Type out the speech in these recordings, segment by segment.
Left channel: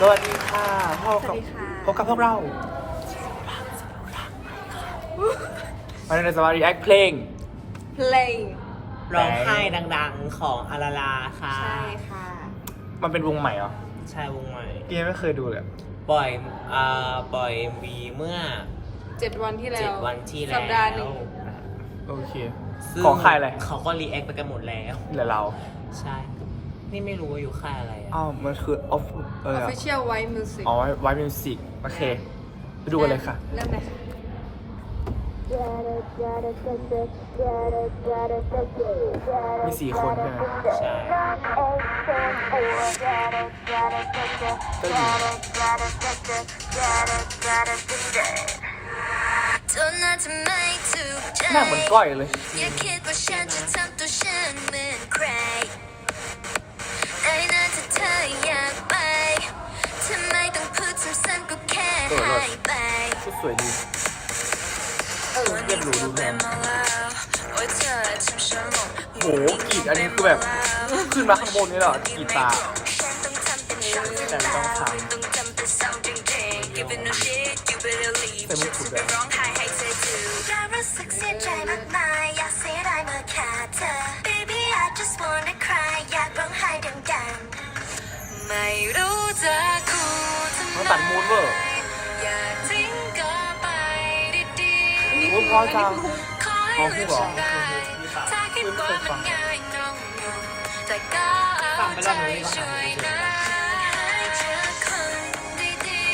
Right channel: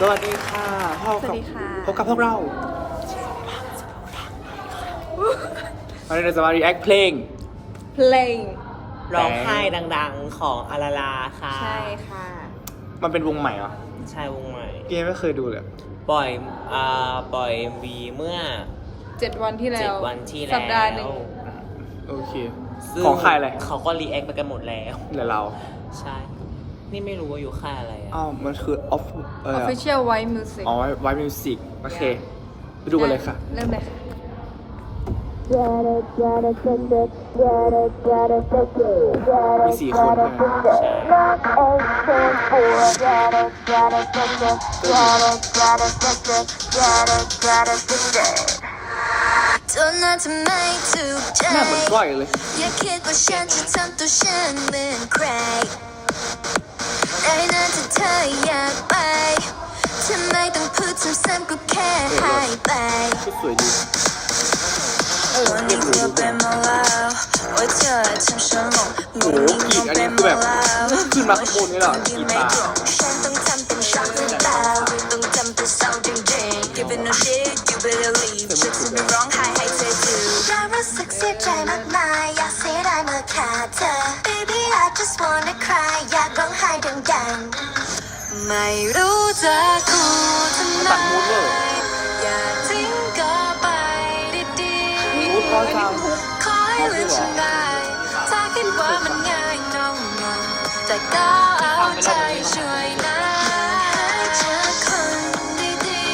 สวัสดีค่ะพบกับสวัสดีค่ะพบกับพวกเราวันนี้เราจะมา react เพลง เพลงร้องไห้ดังๆของอาราลาค่ะ ใช่ค่ะ มันเป็นวงใหม่เหรอ ใช่วงใหม่พี่ไม่เคยดูเลย ปล่อยอ่าปล่อยวีเมื่อเจ็ดวันที่แล้วเจ็ดวันที่สัแล้ปดาห์หนึ่ว ง โอเค ซึ่ของค่ายอะไรเขาก็รีแอคไปกันหมดแล้ว เหลือเรา ใช่ นี่ไม่รู้ว่าอยู่ค่ายอะไรอะอ้าวมันคือ off เออ Official White Music อ๋อไว้มิวสิกโอเคไปดูกันเลยค่ะ เริ่มเลยค่ะ มีสี่คนใช่ไหมใช่เต้ยหญิงตัวน่าจะไม่ถูกใจหน้าเหมือนก้อยเลย อย่าคิดว่าฉันจะทำตัวฉันเหมือน เออเลิศหายไปชุดสวยดีเออเรียบหรูดูแพงว่าเธอทำฉันหลงโหกรีดอันนี้คือแบบขึ้นมาข้างบนนี่เหรอกรีดตาฉันต้องทำเป็นช็อกแต่ต้องถามต้องทำเป็นเศร้าจริงๆ You better shit you better leave ใส่มุกสุดเลยร้องไห้ให้เธอดูอยากรู้สึกเสียใจมากมายอยากเสียดายเมื่อขาดเธอ Baby I just wanna cry อยากร้องไห้ดังๆไม่รู้จะพูดทำไมเขาตัดมูดเวอร์อยากทิ้งก็ไปดีๆมูดเพราะจังขออ๋อให้พูดลืเหรอมฉันได้ถ้าคิดว่ามันง่ายตรงนั้นแต่ก็ฟังไปรอบนึงนี่ก็หาไม่เจอให้เธอคนดี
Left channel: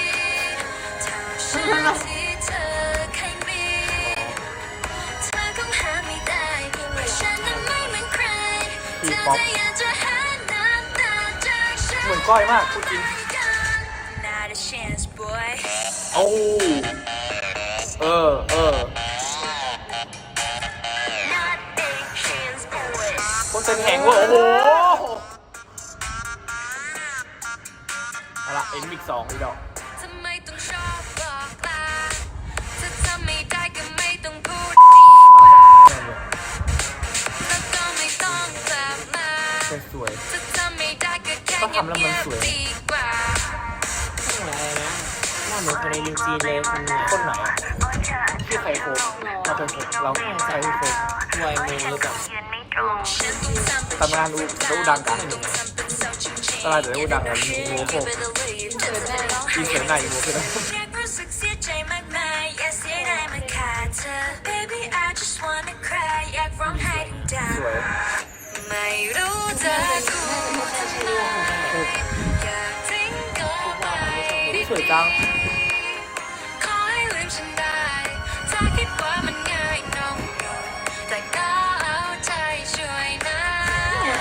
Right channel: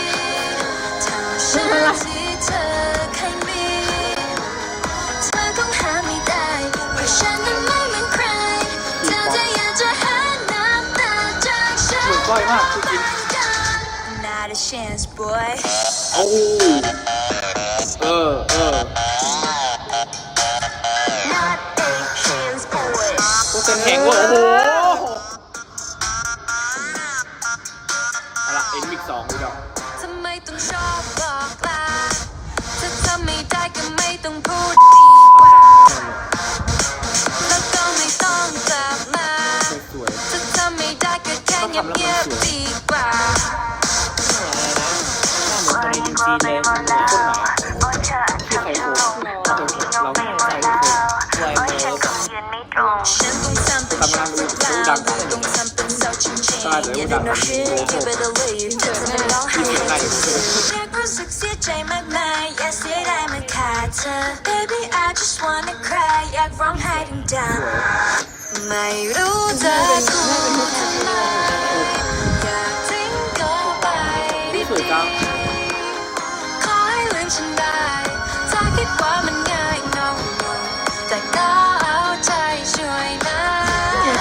ๆเท่าฉันที่เธอเคยมีเธอคงหาไม่ได้เพราะฉันนั้นไม่เหมือนใครทีเธอป๊อปจะอยากจะหาน้ำตาจากฉันเหมือนก้อยมากพูดจริ โอ้เออเออ Not a chance boy โคตรเต้นแหงเวอร์โอ้โหเอาละเอ็นมิกสองอีกดอกทำไมต้องชอบบอกลาถ้าทำไม่ได้ก็ไม่ต้องพูดได้เลยแล้วก็ไม่ต้องกลับมาได้สวยถ้าทำไม่ได้ก็แค่ต้องทำแล้วมันสวย เหมือนคนในนิวซีแลนด์คนหนึงคนไหนอะชื่อใครโคบเราเคยโคบเราใครโคบไวโมหรือเปล่าตำนทำงานอูจะอูดังกันทำเป็นเศร้าจริงๆตลาดจะอูดังกันโมโคบ Better leave เจอหน้ามีเสือหน้าอีโมด้วยนะอยากรู้สึกเสียใจมากมายอยากเสียดายมันขาดเธอ Baby I just wanna cry อยากร้องไห้ดังสวยๆไม่รู้จะน่าเป็นพูน่าดเป็นที่ใช่ใช่วมกันไหนสวยจัง ฉันได้ถ้าคิดว่ามันง่ายน้องแต่ก็เอาใจช่วยนะ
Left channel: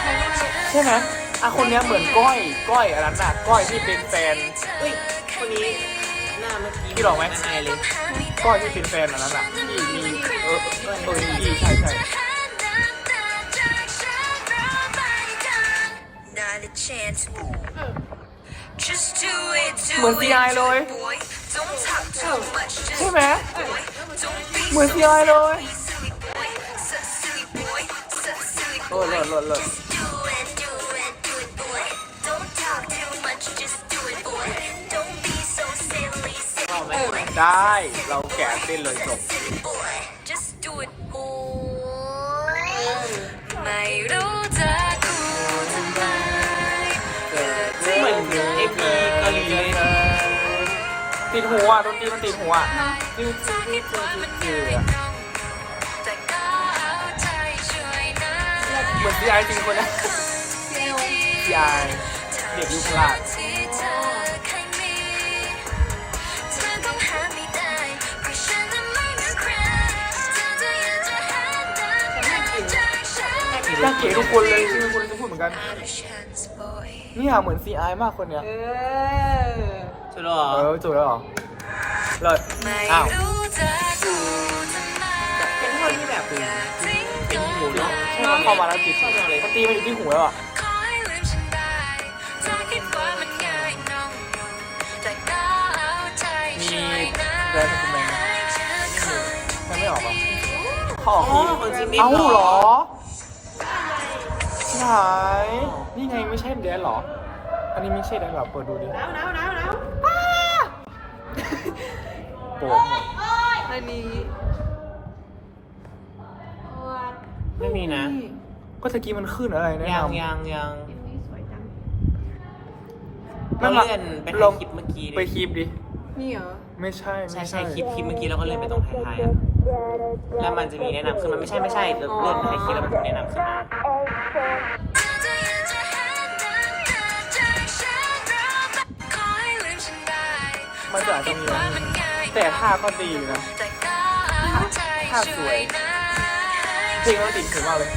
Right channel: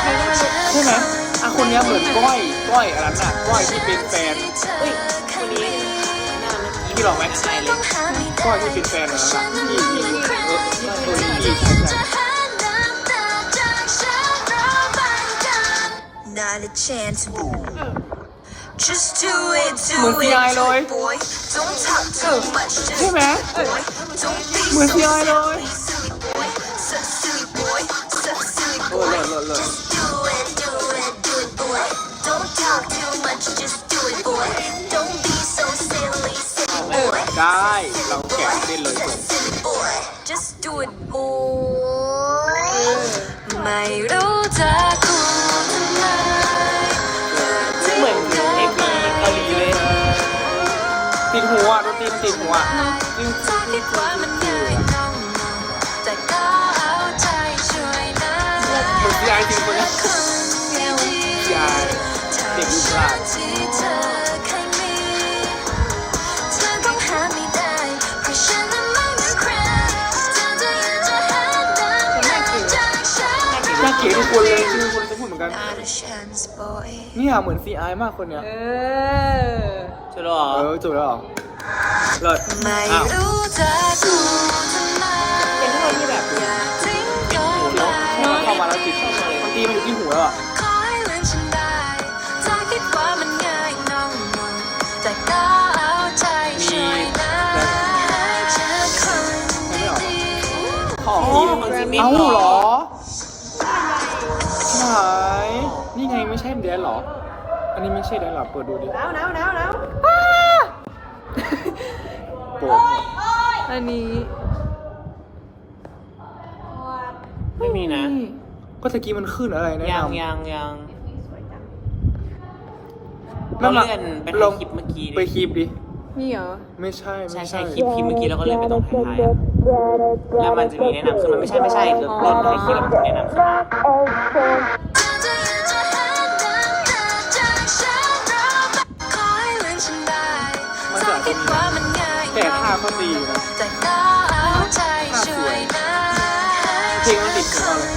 ใครก็ไม่รู้ใช่ไหมอะคนเนี้ยเหมือนก้อย ก้อยอะไรน่ะก้อยที่เป็นแฟนเฮ้ยคนนี้หน้าเมื่อกี้พี่ลองไหม อายเลยก้อยที่เป็นแฟนอันนั้นอะที่มีเออเออตัวนี้ใช่ใช่ Not a chance Just do it do เหมือน CI เลย it boy Don't talk too much just ใช่ไหม boy Don't be เหมือนซีไอเลย silly boy So silly boy So silly เออเลิศเลิศเลิศ Do it, do it, do it, boy. Don't talk too much, just do it, boy. Don't be so silly, ชอบ silly ไหม boy. ได้ เราแกะเต้นเลยจบ Silly boy. Just do it, boy. ไม่รู้จะพูดทำไมเหมือน ติดหัวดนตรีมันติดหัวเนาะจริงจริงจริงจริงจริงอะแต่ก็เอาใจช่วยนะเหมือนซีไอจริงคนนี้เซลซีไอเด็กยุคลาดที่เธอเคยมีเธอต้องหาไม่ได้เพราะฉันนั้นไม่เหมือนใครเธอจะอยากจะหาน้ำตาจากฉันหน้ากี่น่าเกลียดทุกคนเลยคือคนจะพูดเหมือนกัน Not a chance, boy. เนี่ยเหมือนซีไอมากคนเนี้ยเออจุดหรอเออจบแล้วเหรอเลิศไม่อ้าวรู้จะพูดทำไมเป็นท่อนที่แบบทิ้งเป็นก็หูเนาะให้มันเข้ามาแล้วติดชอบมากเลยมันตีมันอยู่ที่หูแล้วอะขอให้ลืมฉันได้ถ้าคิดว่ามันง่ายน้องแต่ก็เอาใจมีช่วยนะแบรนด์คุณแม่ให้เธอคนไม่ไม่ออกหรอขออ๋อของจิมมี่เอ้าเหรอเหรอไหน นี่ไงไม่ใช่แดนหรอ อันนี้ไม่ใช่ได้หรอ เปิดดูดิหนาวหนาวหนาวหนาวโปะหมดอันนี้ ไม่มีนะ ก็ตะกี้มันขึ้นอะไรนะยังยังยังเราเลื่อนไปลถ่ายงคลิปเมื่อกี้ไปดิคลิปดิ นี่เหรอ ไม่ใช่ใช่ไม่ใช่คลิปคลิปเมื่อกี้เราก็เลื่อนไปตรงท้ายๆอะแล้วมันจะมีแนะนำขึ้นมาไม่ใช่ไม่ใช่เราเลื่อนถ่ายคลิปแล้วมันจะแนะนำขึ้นมา มันจะอาจจะมีนะแต่ท่าก็ดีนะท่าสวยเพลงมันติดถึงเราเลย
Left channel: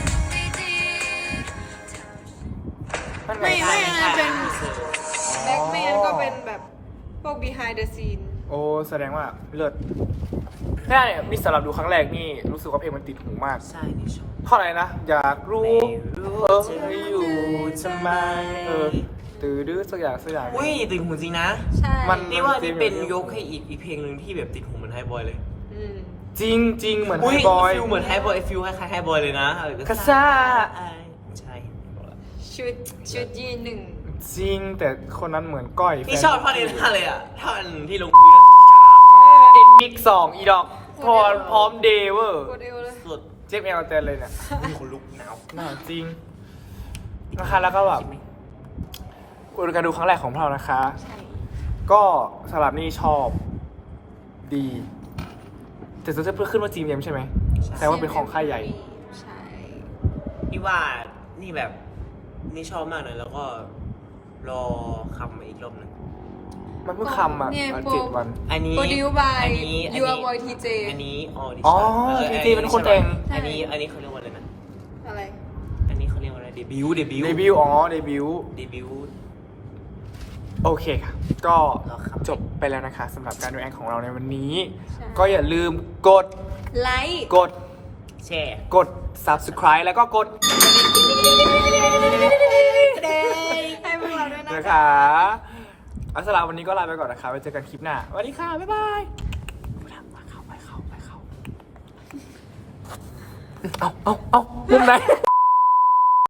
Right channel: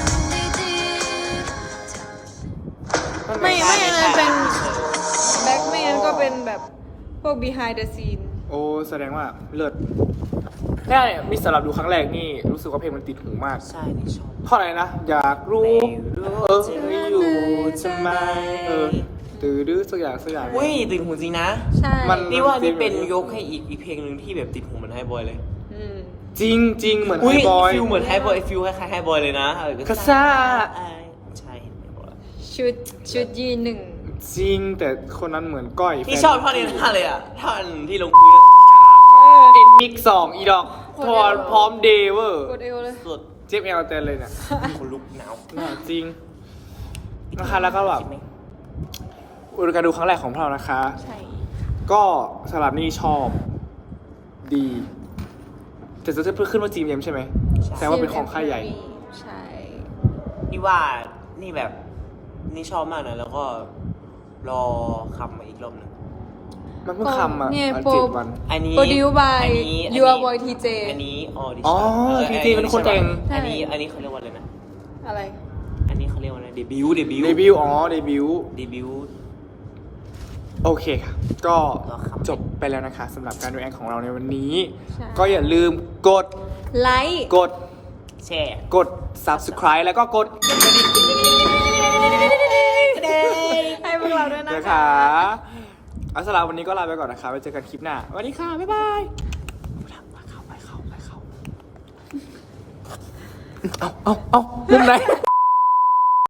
นั่นไงไม่ใช่ไม่ใช่เป็นอันนี้คือแบ็คไม่งั้นก็เป็นแบบพวก behind the scene โอ้แสดงว่าเลิศแค่เนี่ยมีสำหรับดูครั้งแรกนี่รู้สึกว่าเพลงมันติดหูมาก ใช่นี่ชอบเพราะอะไรนะ อยากรู้ไม่รู้เออจะไม่ออยู่ยู่ทำไมเออ ตื้อดื้อสักอย่างสักอย่าง อุ้ยติดหูจริงนะใช่มัน นี่ว่านี่เป็นยกให้อีกอีกเพลงหนึ่งที่แบบติดหูเหมือนไฮบอยเลยอืมจริงจริงเหมือนอุ้ยไฮบอยฟิลเหมือนไฮบอยฟิลคล้ายๆไฮบอยเลยนะเออกระซ่าใช่เห็นบอกแล้วชุดชุดยีนหนึ่งจริงแต่คนนั้นเหมือนก้อยนี่แฟชอบท่อนนี้ท่าเลยอะท่อนที่ลงพื้นอะเอ็นมิกสองอีดอกทอนพร้อมเดเวอร์กดเอวเลยสุดเจ็บเอลเตนเลยเนี่ยคนลุกหนาวหนาวจริงนะคะแล้วก็แบบอุด การดูครั้งแรกของพวกเรานะคะ ใช่ ก็สลับนี่ชอบดีแต่จะเพิ่งขึ้นว่าจีมเยมใช่ไหมแสดงว่าเป็นของค่ายใหญ่ ใช่ พี่ว่านี่แบบนี่ชอบมากนะแล้วก็รอคำมาอีกรอบหนึงมันเพิ่งคำอะเนี่ยอันโปร เจ็ดวัน อันนี้ Produced by อันนี้อัน Your นี้ Boy TJ อันนี้ออดิอ๋อชั่น TJ เป็นคนแต่งอันนี้อันนี้เขาเรียกว่าอะไรนะอะไร อันนี้เขาเรียกว่าอะไรเดบิวต์เดบิวต์เดบิวต์อ๋อเดบิวต์เดบิวต์ โอเคค่ะ ก็รอครับจบไปแล้วนะคะสำหรับการดูแอนของเราในวันนี้ใช่ก็อย่าลืมกดไลค์กดแช่กด subscribe แล้วก็กดให้พวกเราด้วยนะนะคะเอาสำหรับวันนี้ก็ลาไปก่อนนะคะไว้เจอกันคลิปหน้าสวัสดีค่ะ บ๊ายบายไปเข้าไปเข้าไปเข้าเอาเอาเอามุมไหน